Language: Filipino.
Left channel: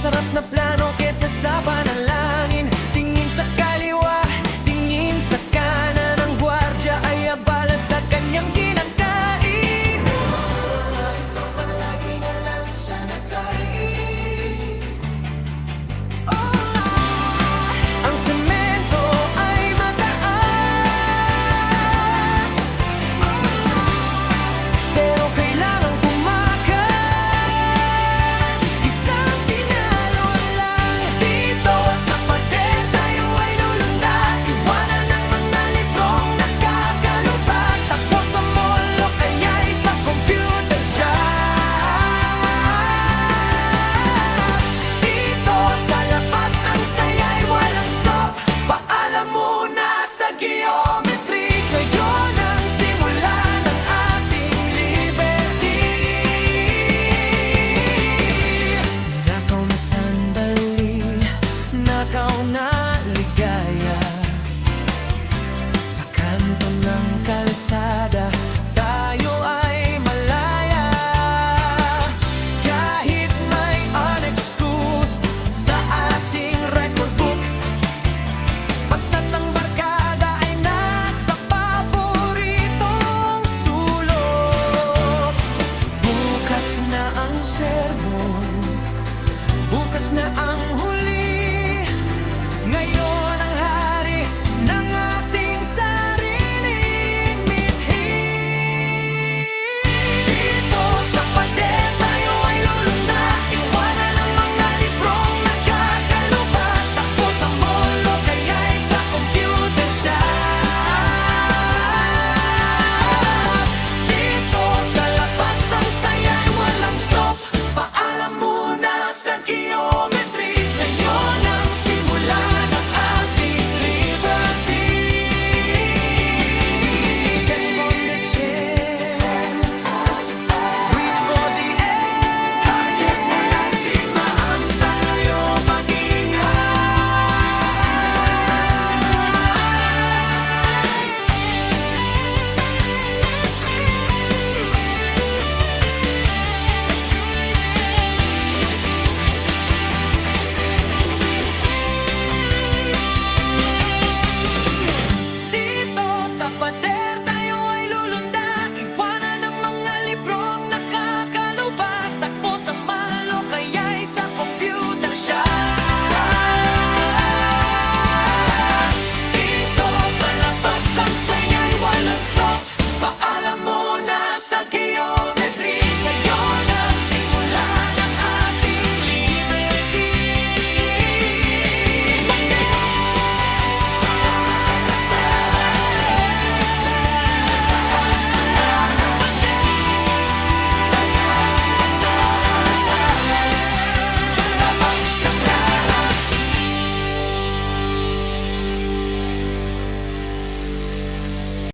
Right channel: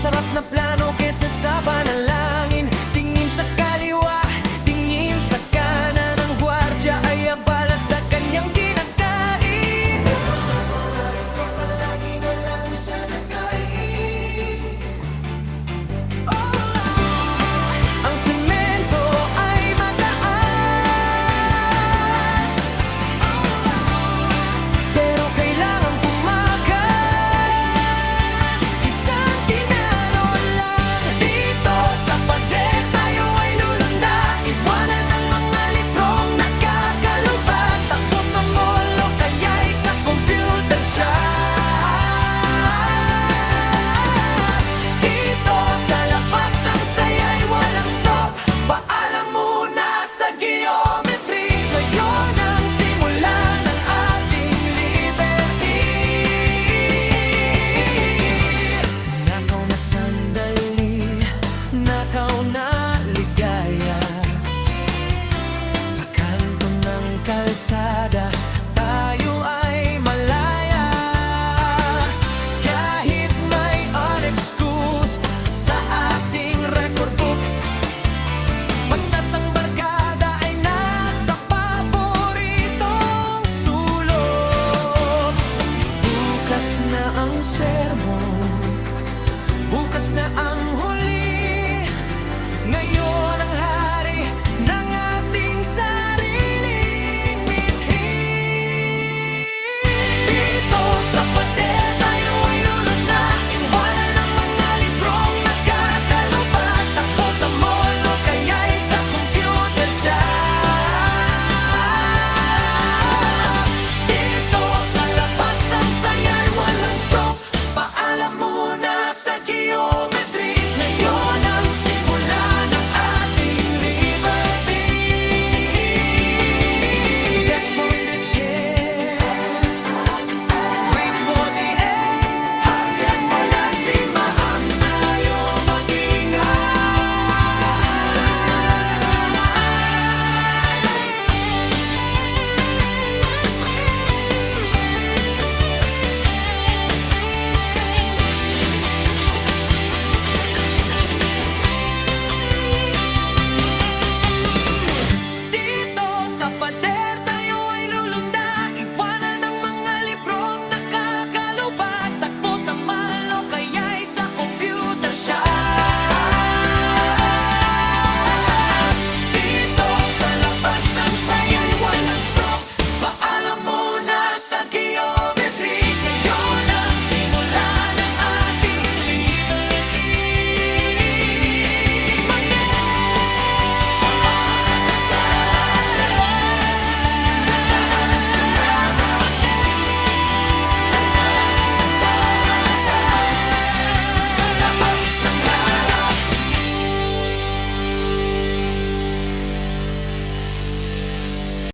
masarap na plano kesa sa panalangin. Tingin sa kaliwa, tingin sa kanan. Ang gwardya ay abala sa kanyang kinakain. Ito palagi na lang siya nagkain. Ang semento ay mataas, pero kailangan tumakas. Isang tinalo lang dito sa pader, tayo ay lulunda. Iwanan ng mga librong nakakalubag. Takbo sa mall o kaya'y sa computer shop. Dito sa labas ang saya'y walang stop. Paalam muna sa geometry. Ngayon ang simula ng ating liberty. Nakaw na sandali, nakaw na ligaya. Sa kanto ng kalsada, tayo ay malaya. Kahit may unexcused sa ating record book, basta't ang barkada ay nasa paboritong sulok. Bukas na ang sermon, bukas na ang huli. Ngayon